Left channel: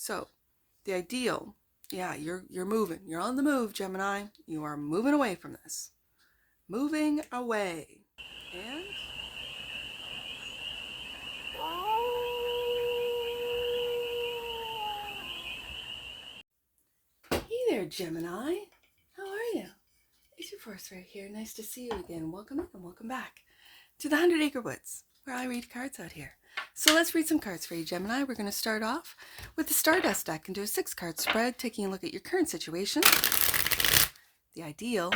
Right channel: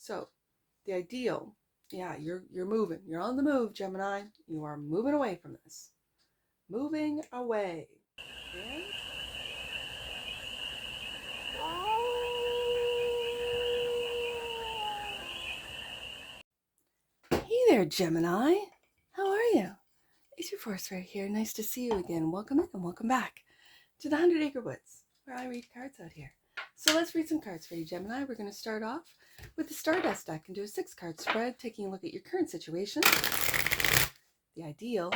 So the ideal, yeah, you're moving. You're on the move, Gemini. You are moving away from this. Moving away. And hey there, Gemini. How are you? It's your Force right here. Nice to see you again. Welcome in and welcome back to the 100 Acre Woods, where I read cards out here. So let's read some cards for you, Gemini. We're going to start off with the Stardust deck and do a 6-card spread, taking a look at your current situation, the ideal,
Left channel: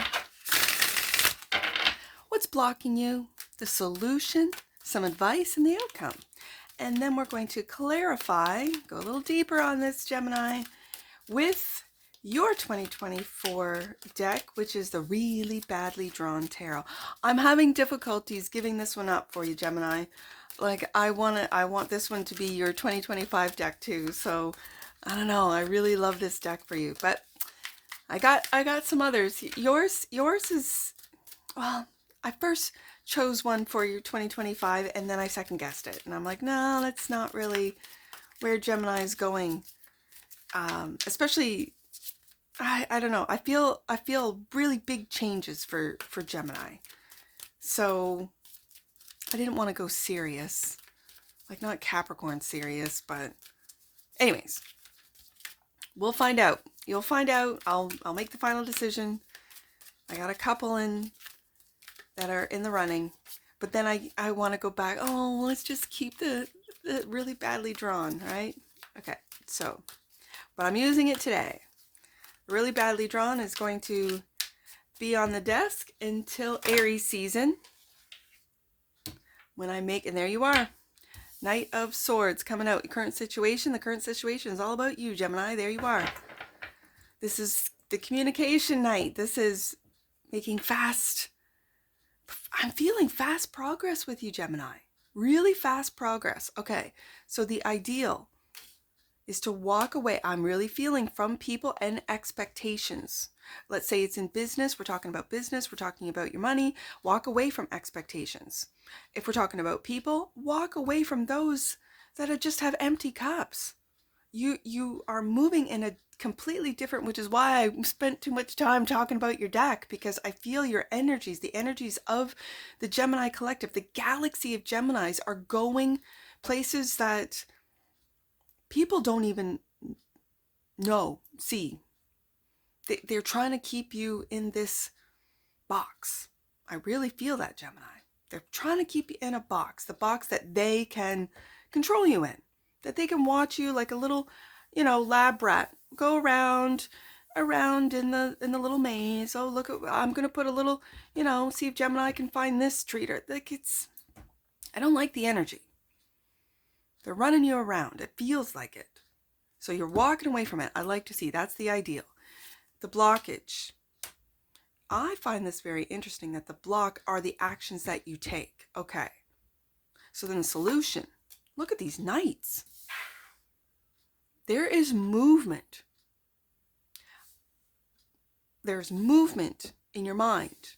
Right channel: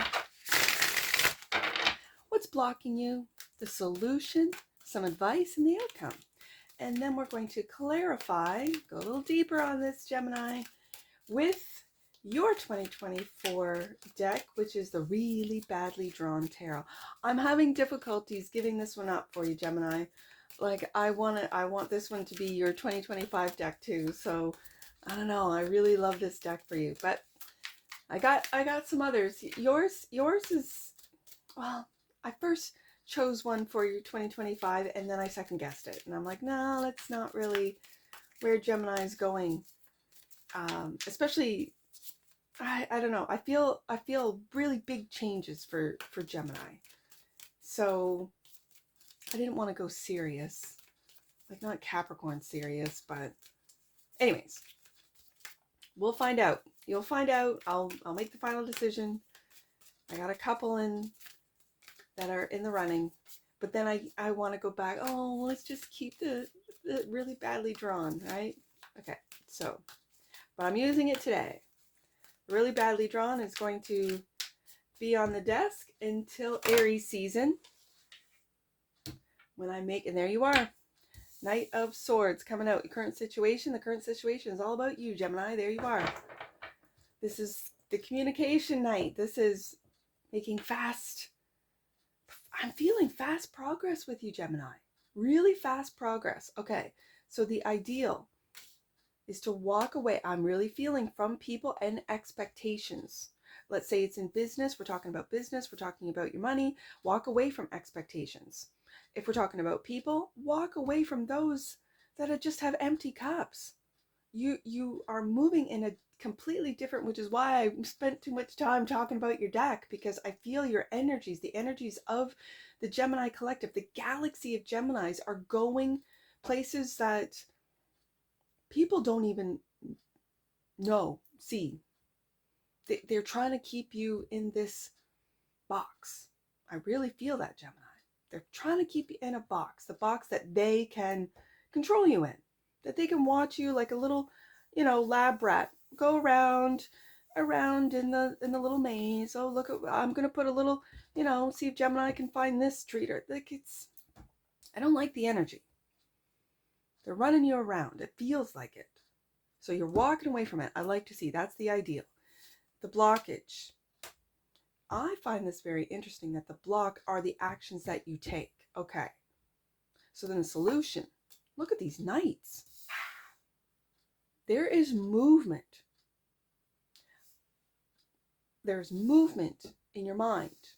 what's blocking you, the solution, some advice, and the outcome. And then we're going to clarify, go a little deeper on this, Gemini, with your 2024 deck, which is the Really Badly Drawn Tarot. I'm having difficulties giving this one up for you, Gemini. Like, I want this one to be your 2025 deck too. So I don't know, I really love this deck for you, but I got some others. Yours is, well, I first chose one for your 2025 and then I second guessed it, and I'm like, no, that's not really where Gemini is going. Especially, I don't know, I feel really big changes for Gemini. So I didn't want to go serious, like not Capricorn serious, but anyways, we'll find out. You'll find out. I'll make the final decision. I got a couple in that are in the running, but then I want to go back. Oh, let's just keep the Really Badly Drawn, right? Okay, so, but I'm using it today. Really Badly Drawn is going to be on the desk until Aries season, when I make, and there you are, Knight of Swords coming out. Your current situation. The current situation is all about you, Gemini. There you are. This is the communication night. This is making fast, I'm feeling fast progress with you, Gemini. Really fast progress. Okay, so the ideal is to walk away. I'm really feeling from people and expectations. Let's say it's in business. We're talking about business. We're talking about your money. Walk away from expectations. If we're talking about people, walk away from those that just have empty cups. You are moving in a completely different, which is why I spent too much time talking about your deck, because I feel your energies, the energies of the Gemini collective, the galaxy of Geminis are going places that people don't even see. They're trying to keep you in this box. I really feel that, Gemini. They're trying to keep you in a box, the box that they can control you in, that they can watch you like a little, lab rat, go around in the little maze. Oh, look, I'm going to put a little, see if Gemini can find this treat. Or like, I don't like the energy. They're running you around. It feels like it. So you're walking away from it. I like to see. That's the ideal. The blockage. I find this very interesting, that the block are the actions that you take. Okay. So then the solution. Look at these knights. There is movement. There's movement in your mind,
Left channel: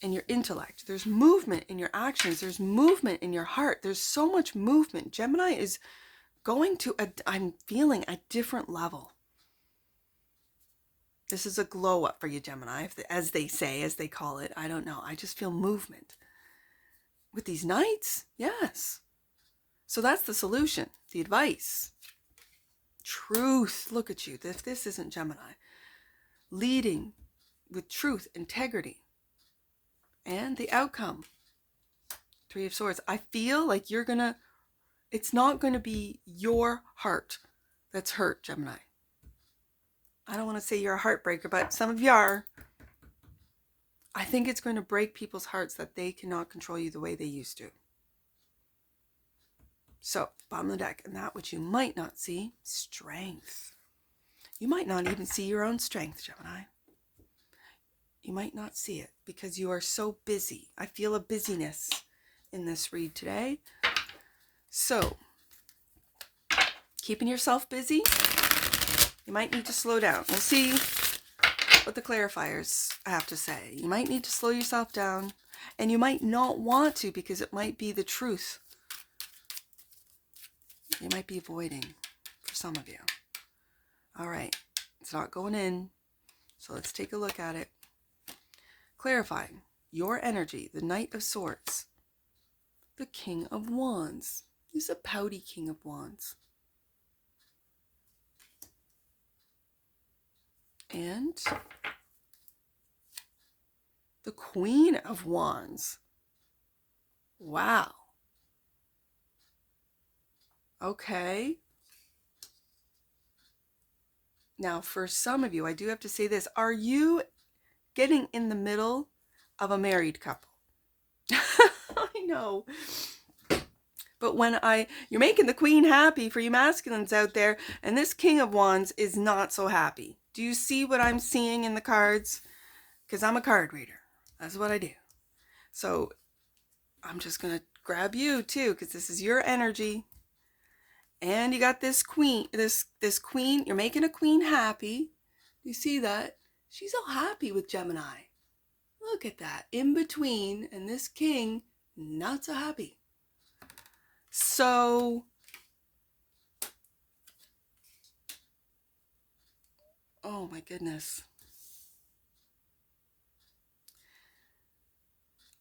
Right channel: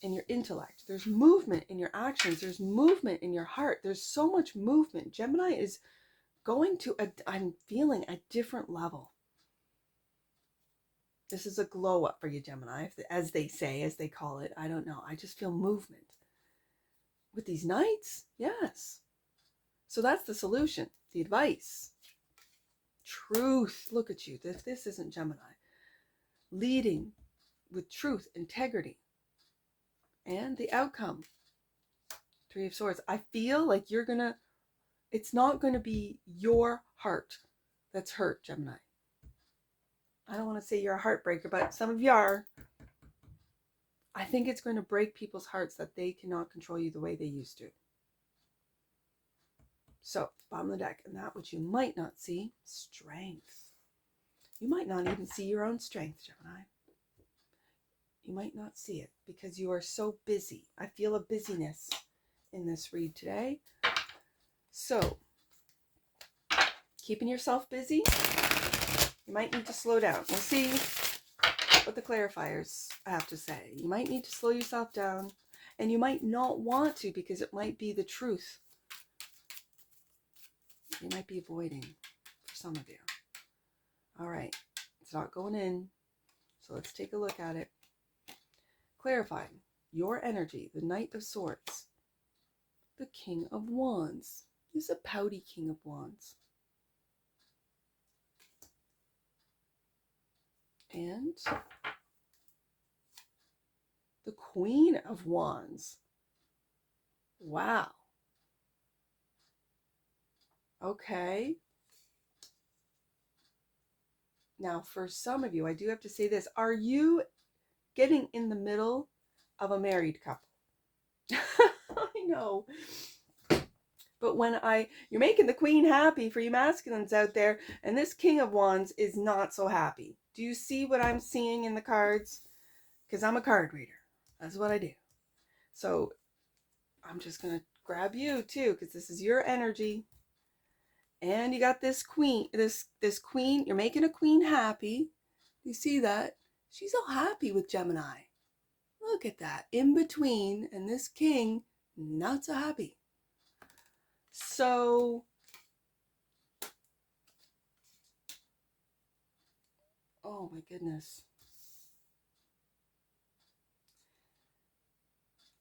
in your intellect. There's movement in your actions. There's movement in your heart. There's so much movement. Gemini is going to, I'm feeling a different level. This is a glow up for you, Gemini, as they say, as they call it. I don't know. I just feel movement. With these knights, yes. So that's the solution, the advice. Truth. Look at you. This isn't Gemini. Leading with truth, integrity. And the outcome. 3 of Swords. I feel like it's not going to be your heart that's hurt, Gemini. I don't want to say you're a heartbreaker, but some of you are. I think it's going to break people's hearts that they cannot control you the way they used to. So, bottom of the deck, and that which you might not see, strength. You might not even see your own strength, Gemini. You might not see it because you are so busy. I feel a busyness in this read today. So, keeping yourself busy, you might need to slow down. We'll see what the clarifiers have to say. You might need to slow yourself down, and you might not want to because it might be the truth. You might be avoiding for some of you. All right. It's not going in. So let's take a look at it. Clarifying your energy, the Knight of Swords, the King of Wands. He's a pouty King of Wands. And the Queen of Wands. Wow. Okay. Now, for some of you, I do have to say this. Are you getting in the middle of a married couple? I know. But when you're making the Queen happy for you masculines out there, and this King of Wands is not so happy. Do you see what I'm seeing in the cards? Because I'm a card reader. That's what I do. So I'm just going to grab you too, because this is your energy. And you got this queen, this queen, you're making a queen happy. You see that? She's all happy with Gemini. Look at that. In between, and this king, not so happy. So, oh my goodness.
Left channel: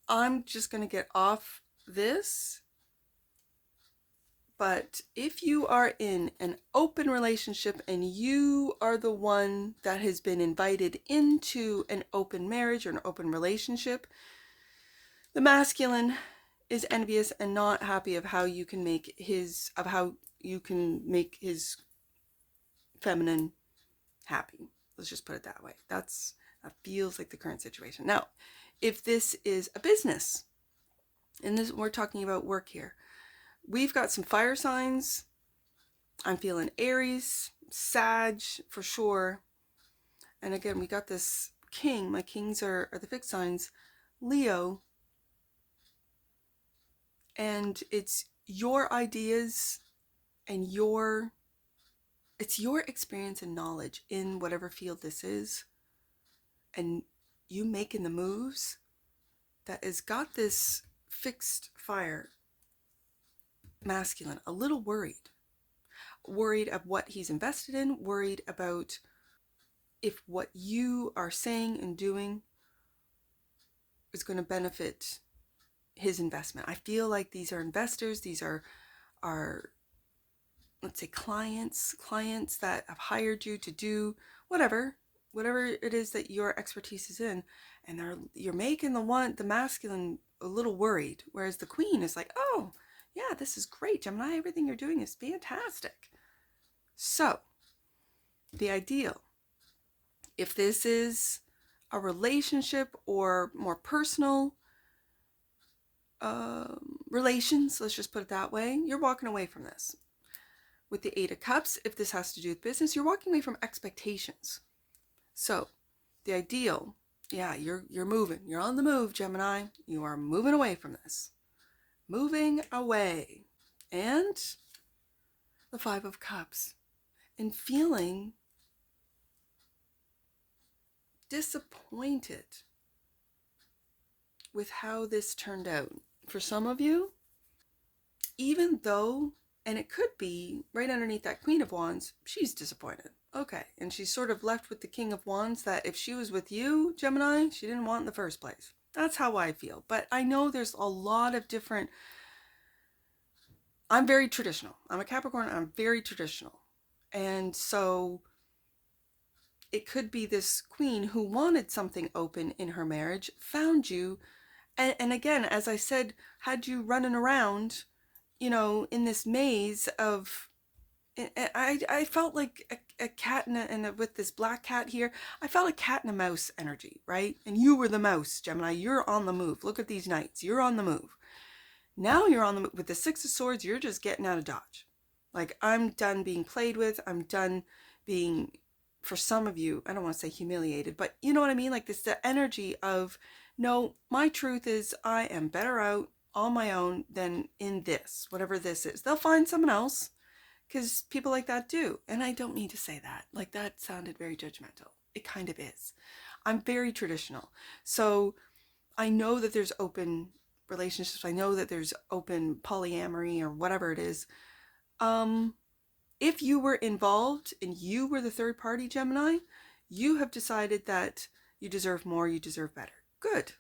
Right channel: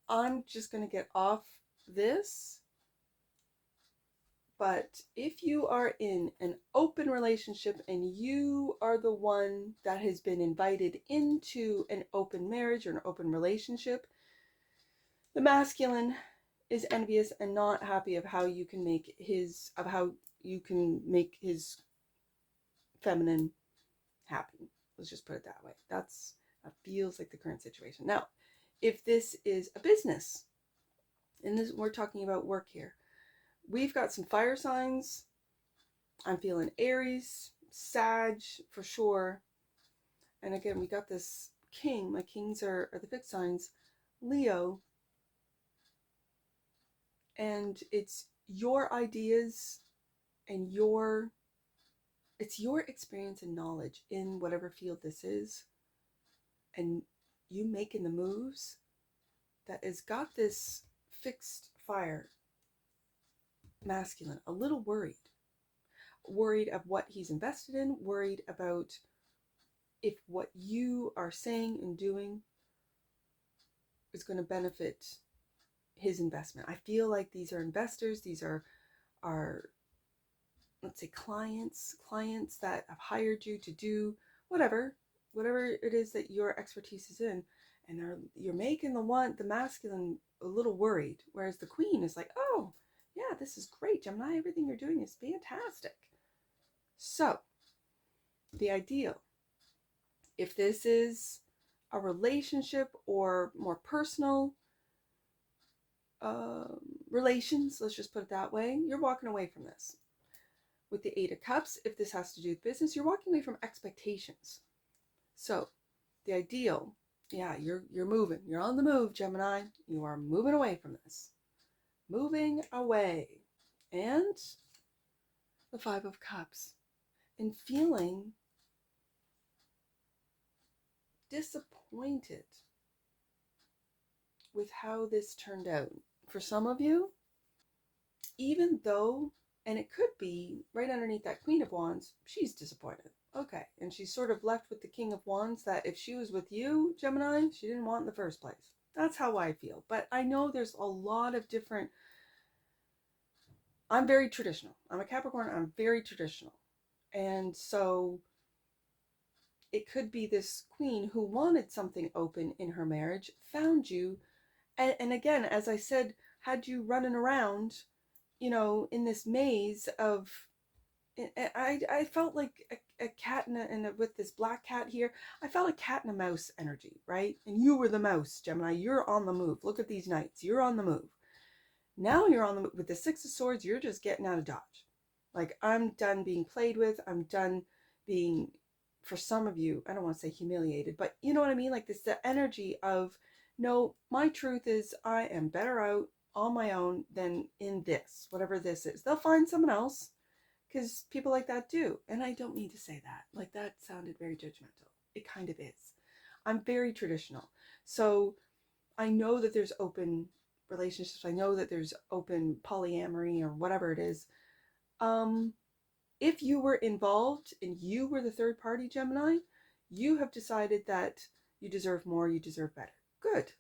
I'm just going to get off this. But if you are in an open relationship and you are the one that has been invited into an open marriage or an open relationship, the masculine is envious and not happy of how you can make his feminine happy. Let's just put it that way. That feels like the current situation. Now, if this is a business, and we're talking about work here, we've got some fire signs. I'm feeling Aries, Sag for sure. And again, we got this king. My kings are the fixed signs, Leo. And it's your ideas and it's your experience and knowledge in whatever field this is. And you making the moves that has got this fixed fire masculine a little worried of what he's invested in, worried about if what you are saying and doing is going to benefit his investment. I feel like these are investors. These are let's say clients that have hired you to do whatever it is that your expertise is in, and you're making the masculine a little worried, whereas the queen is like, oh yeah, this is great, Gemini, everything you're doing is fantastic. So the ideal, if this is a relationship or more personal relations, let's just put it that way, you're walking away from this. With the 8 of Cups, if this has to do with business, you're walking away from expectations. So the ideal, yeah, you're moving. You're on the move, Gemini. You are moving away from this. Moving away. And the 5 of Cups. And feeling disappointed with how this turned out. For some of you, even though, and it could be right underneath that Queen of Wands, she's disappointed. Okay, and she's sort of left with the King of Wands that if she was with you, Gemini, she didn't want in the first place. That's how I feel. But I know there's a lot of different... I'm very traditional. I'm a Capricorn. I'm very traditional. And so it could be this queen who wanted something open in her marriage, found you, and again, as I said, had you running around, in this maze of... I felt like a cat and with this black cat here, I felt a cat and a mouse energy, right? And you were the mouse, Gemini. You're on the move. Look at these knights. You're on the move. Now you're on the move. With the 6 of Swords, you're just getting out of dodge. Like, I'm done being played with. I'm done being, for some of you, I don't want to say humiliated, but you know what I mean? Like, this the energy of, no, my truth is I am better out on my own than in this, whatever this is. They'll find someone else. Because people like that do. And I don't mean to say that. Like, that sounded very judgmental. It kind of is. I'm very traditional. So I know that there's open relationships. I know that there's open polyamory or whatever it is. if you were involved and you were the third party, Gemini, you have decided that you deserve more, you deserve better. Good.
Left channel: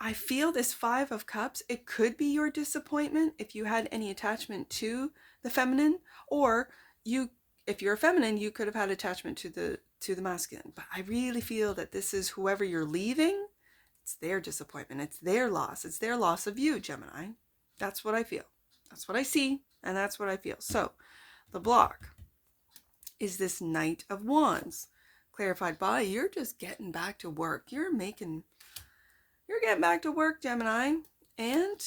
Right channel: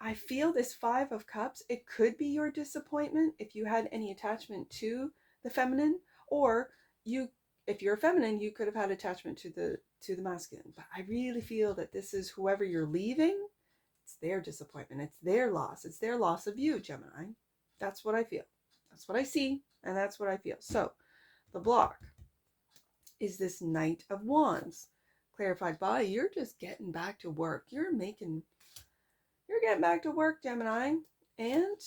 I feel this Five of Cups, it could be your disappointment if you had any attachment to the feminine, or if you're a feminine, you could have had attachment to the masculine. But I really feel that this is whoever you're leaving, it's their disappointment, it's their loss of you, Gemini. That's what I feel. That's what I see, and that's what I feel. So the block is this Knight of Wands, clarified by you're just getting back to work. You're getting back to work, Gemini. And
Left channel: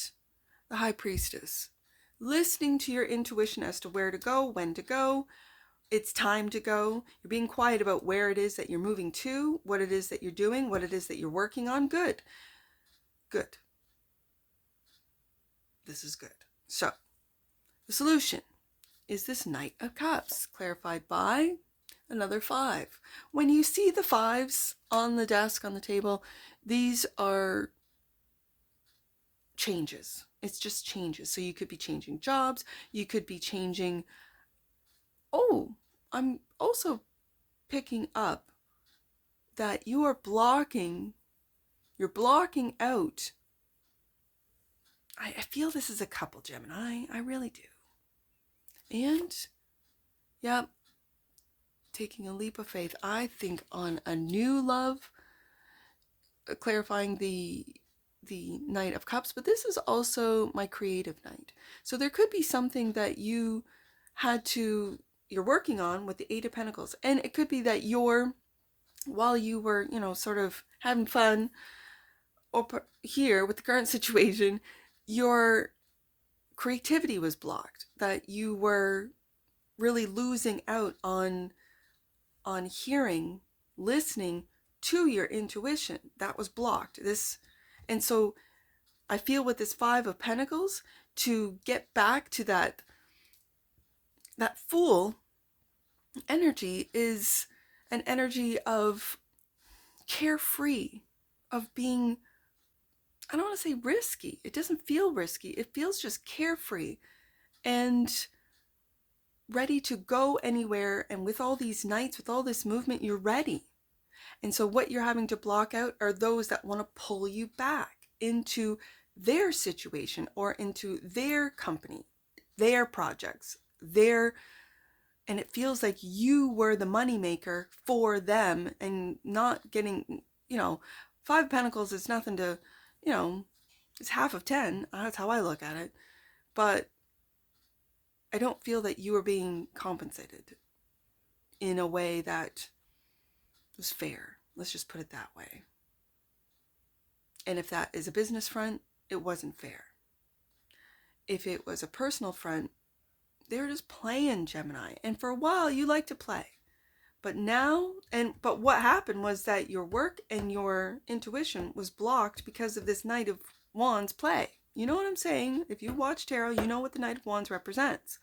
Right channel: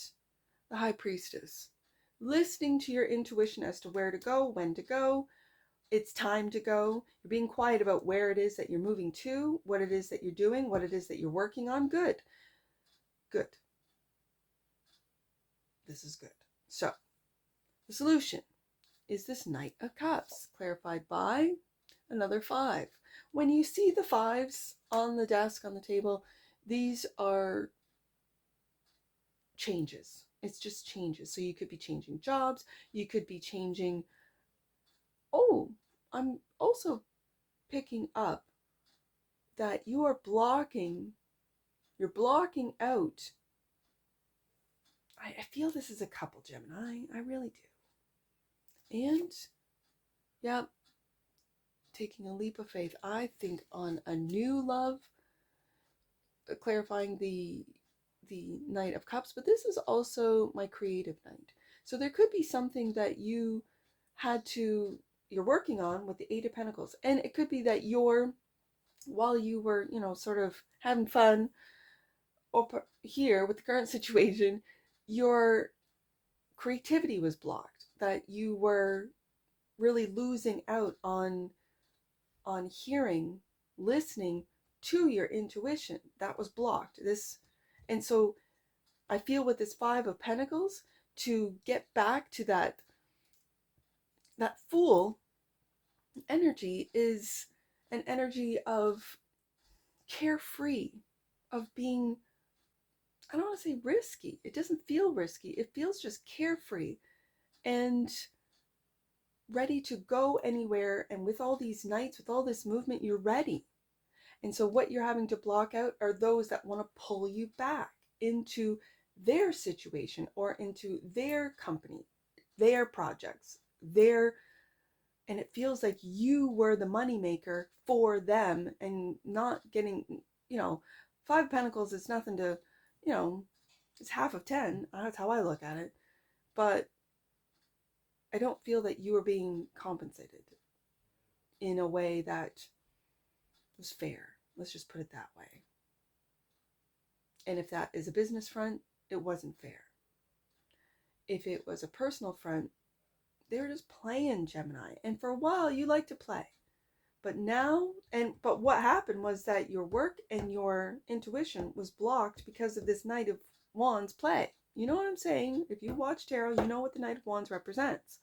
the High Priestess, listening to your intuition as to where to go, when to go. It's time to go. You're being quiet about where it is that you're moving to, what it is that you're doing, what it is that you're working on. Good. Good. This is good. So the solution is this Knight of Cups, clarified by another 5. When you see the 5s on the desk, on the table, these are changes. It's just changes. So you could be changing jobs. You could be changing. Oh, I'm also picking up that you are blocking. You're blocking out. I feel this is a couple, Gemini. I really do. And, yeah, taking a leap of faith. I think on a new love, clarifying the Knight of Cups, but this is also my creative night. So there could be something that you're working on with the Eight of Pentacles, and it could be that while you were, sort of having fun or here with the current situation, your creativity was blocked, that you were really losing out on hearing, listening to your intuition. That was blocked. And so I feel with this 5 of Pentacles, to get back to that Fool energy is an energy of carefree, of being, I don't want to say risky. It doesn't feel risky. It feels just carefree and ready to go anywhere. And with all these nights, with all this movement, you're ready. And so what you're having to block out are those that want to pull you back into their situation or into their company, their projects, and it feels like you were the moneymaker for them and not getting, 5 of Pentacles is nothing to, it's half of 10. That's how I look at it. But I don't feel that you are being compensated in a way that was fair. Let's just put it that way. And if that is a business front, it wasn't fair. If it was a personal front, they were just playing, Gemini. And for a while, you like to play. But what happened was that your work and your intuition was blocked because of this Knight of Wands play. You know what I'm saying? If you watch tarot, you know what the Knight of Wands represents.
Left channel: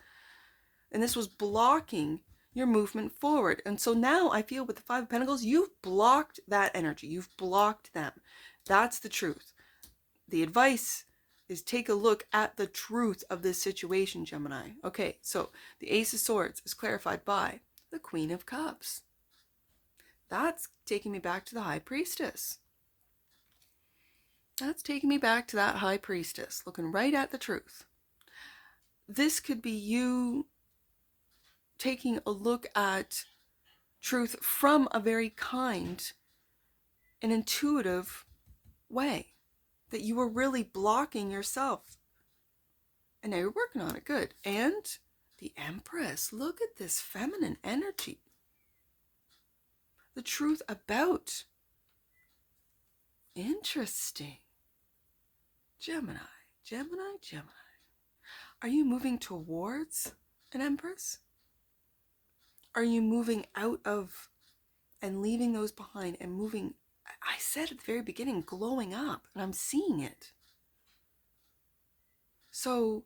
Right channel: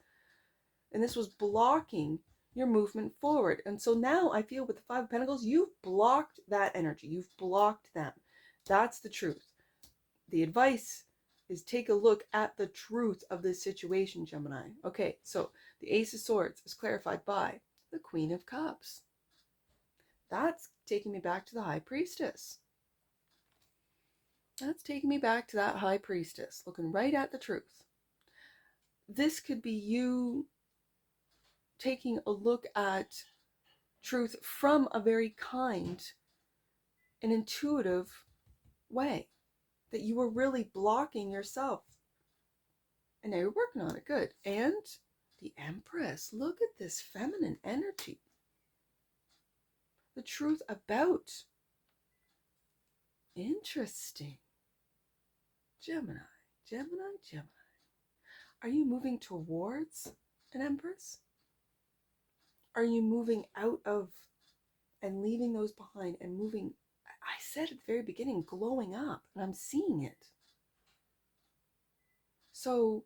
And this was blocking your movement forward. And so now I feel with the 5 of Pentacles, you've blocked that energy. You've blocked them. That's the truth. The advice is take a look at the truth of this situation, Gemini. Okay, so the Ace of Swords is clarified by the Queen of Cups. That's taking me back to the High Priestess. That's taking me back to that High Priestess, looking right at the truth. This could be you taking a look at truth from a very kind and intuitive way, that you were really blocking yourself. And now you're working on it. Good. And the Empress. Look at this feminine energy. The truth about. Interesting. Gemini. Are you moving towards an Empress? Are you moving out of and leaving those behind and moving? I said at the very beginning, glowing up, and I'm seeing it. So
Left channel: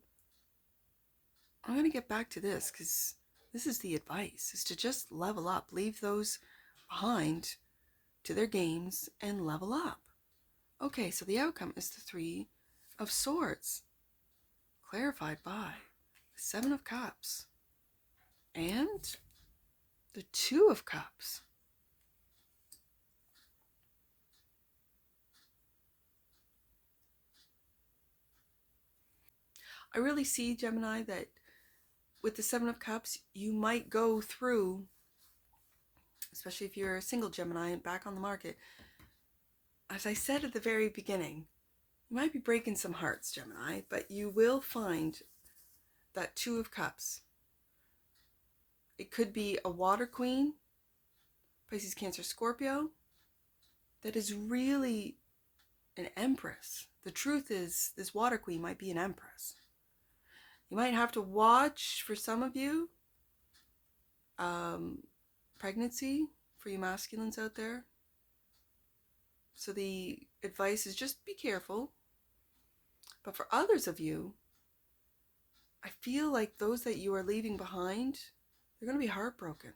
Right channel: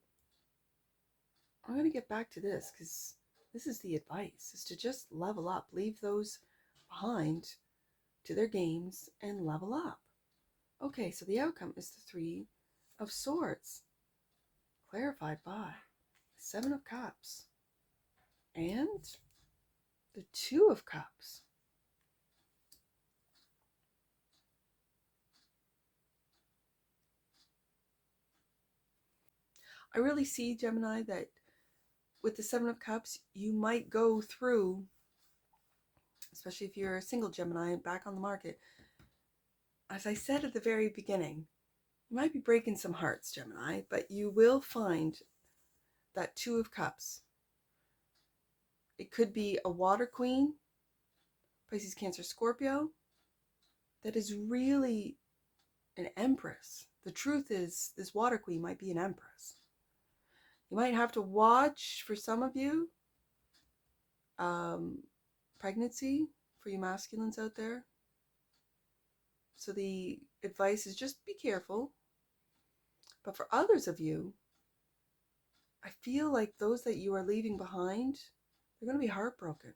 I'm going to get back to this because this is the advice, is to just level up, leave those behind to their games and level up. Okay, so the outcome is the 3 of Swords, clarified by the 7 of Cups. And the Two of Cups. I really see, Gemini, that with the Seven of Cups, you might go through, especially if you're a single Gemini back on the market, as I said at the very beginning, you might be breaking some hearts, Gemini, but you will find that Two of Cups. It could be a water queen, Pisces, Cancer, Scorpio, that is really an empress. The truth is, this water queen might be an empress. You might have to watch, for some of you, pregnancy for you masculines out there. So the advice is just be careful. But for others of you, I feel like those that you are leaving behind, they're going to be heartbroken.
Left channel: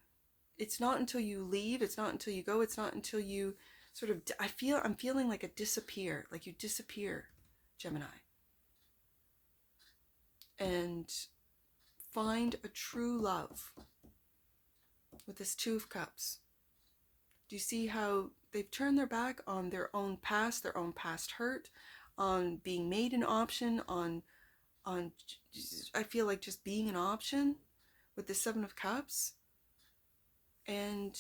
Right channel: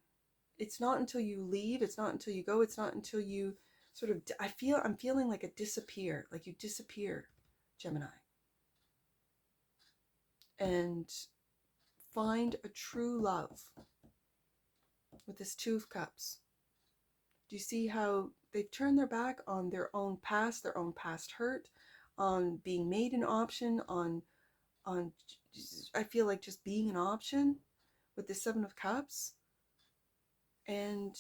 It's not until you leave, it's not until you go, it's not until you sort of, I'm feeling like a disappear, like you disappear, Gemini. And find a true love with this Two of Cups. Do you see how they've turned their back on their own past hurt, on being made an option, on I feel like just being an option with the Seven of Cups? And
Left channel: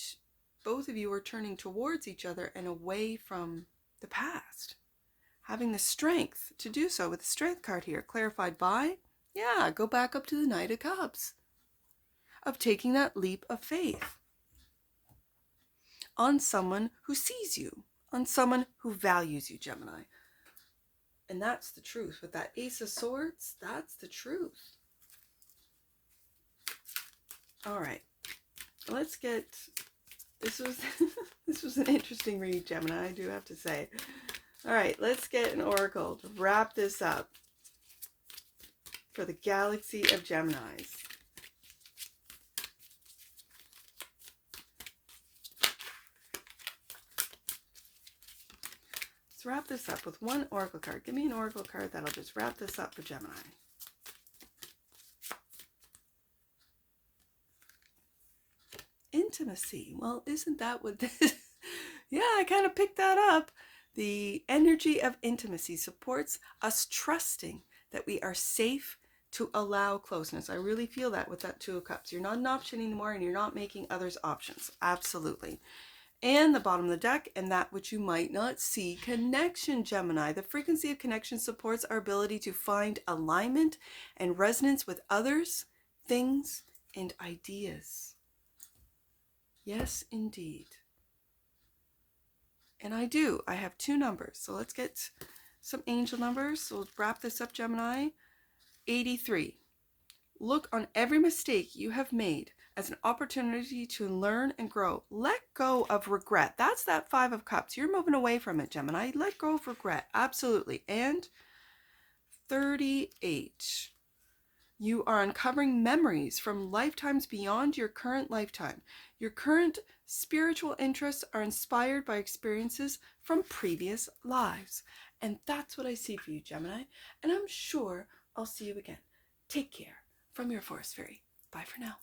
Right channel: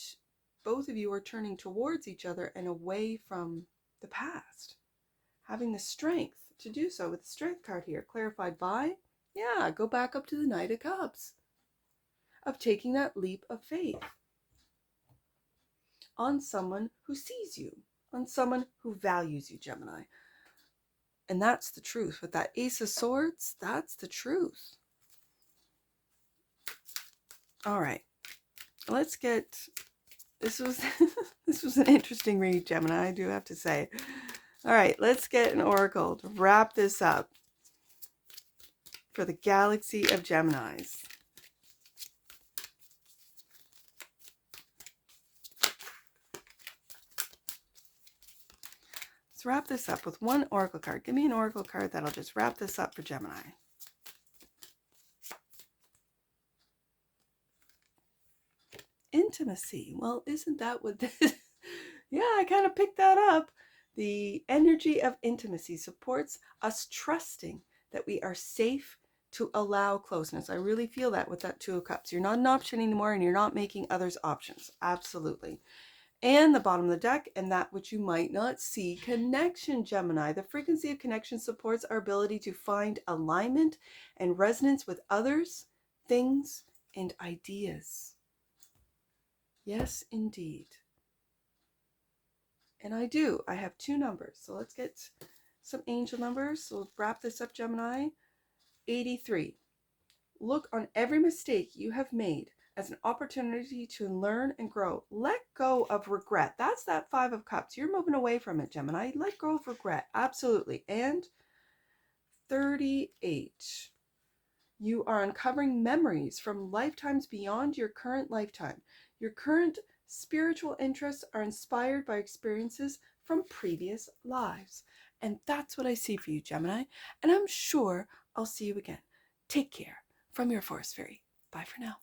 both of you are turning towards each other and away from the past, having the strength to do so with the Strength card here, clarified by, yeah, go back up to the Knight of Cups, of taking that leap of faith on someone who sees you, on someone who values you, Gemini. And that's the truth. With that Ace of Swords, that's the truth. All right, let's get, this was this was an interesting read, Gemini, I do have to say. All right, let's get an oracle to wrap this up for the galaxy of Geminis. Let's wrap this up with one oracle card. Give me an oracle card that'll just wrap this up for Gemini. Intimacy. Well, isn't that what this is? Yeah, I kind of picked that up. The energy of intimacy supports us trusting that we are safe to allow closeness. I really feel that with that Two of Cups. You're not an option anymore, and you're not making others options. Absolutely. And the bottom of the deck, and that which you might not see, connection, Gemini. The frequency of connection supports our ability to find alignment and resonance with others, things, and ideas. Yes, indeed. And I do. I have two numbers. So let's get some angel numbers. So we'll wrap this up, Gemini. 83. Look on every mistake you have made as an opportunity to learn and grow. Let go of regret. That's that Five of Cups. You're moving away from it, Gemini. Let go of regret. Absolutely. And 38. You are uncovering memories from lifetimes beyond your current lifetime. Your current spiritual interests are inspired by experiences from previous lives. And that's what I see for you, Gemini. And I'm sure I'll see you again. Take care. From your Forest Fairy. Bye for now.